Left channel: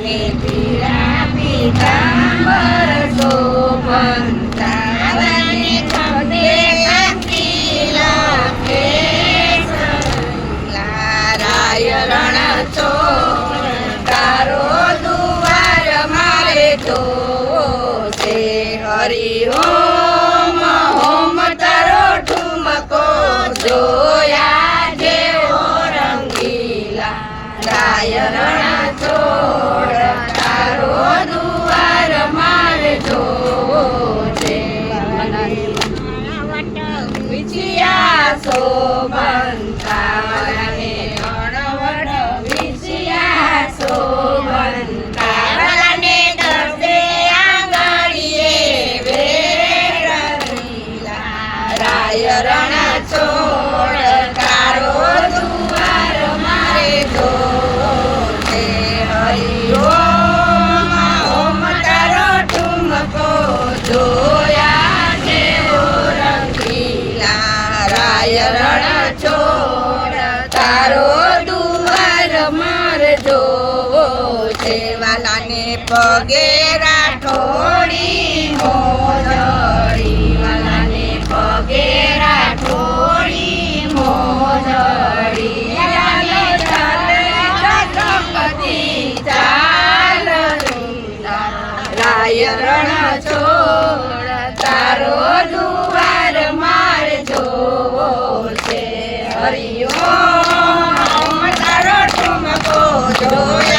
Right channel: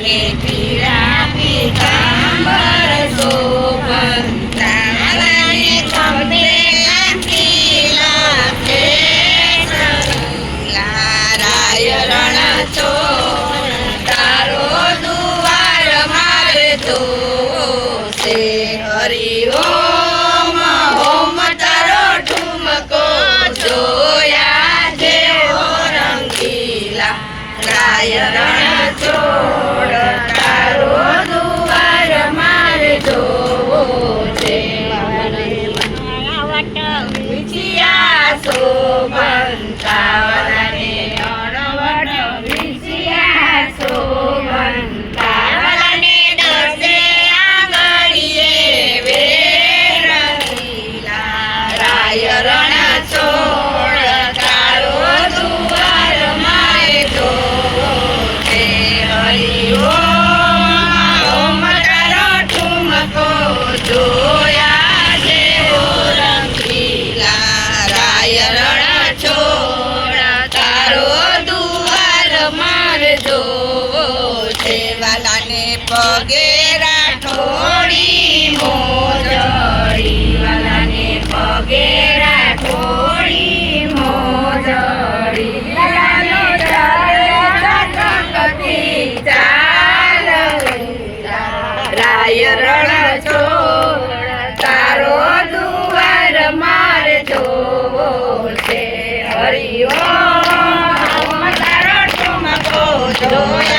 પીળા પીતાંબર શોભંતા ખંભે કાંતિલા કેસરીલા રાય રણ ચોર તારો દુવાર મારે જોશે હરિ ઓમ ઓમ તારો ઠુમકો જોયા જેવો રંગીલા રાય રણ ચોર તારો દુવાર મારે જોવો છે મને વટ વિછિયા શોભંતા ને અણવટ વિછિયા શોભંતા ને દસે આંગળીએ વેરંગીલા રાય રણ ચોર તારો દુવાર મારે જોવો છે હરિ ઓમ ઓમ તારો ઠુમકો જોયા જેવો રંગીલા રાય રણ ચોર તારો દુવાર મારે જોવો છે વાલાને પગે રાઠોડી મોજડી વાલાને પગે રાઠોડી મોજડી વાલાને ચકતી ચાલવીલા રાય રણ ચોર તારો દુવાર મારે જોવો છે હરિ ઓમ તારો ઠુમકો જોયા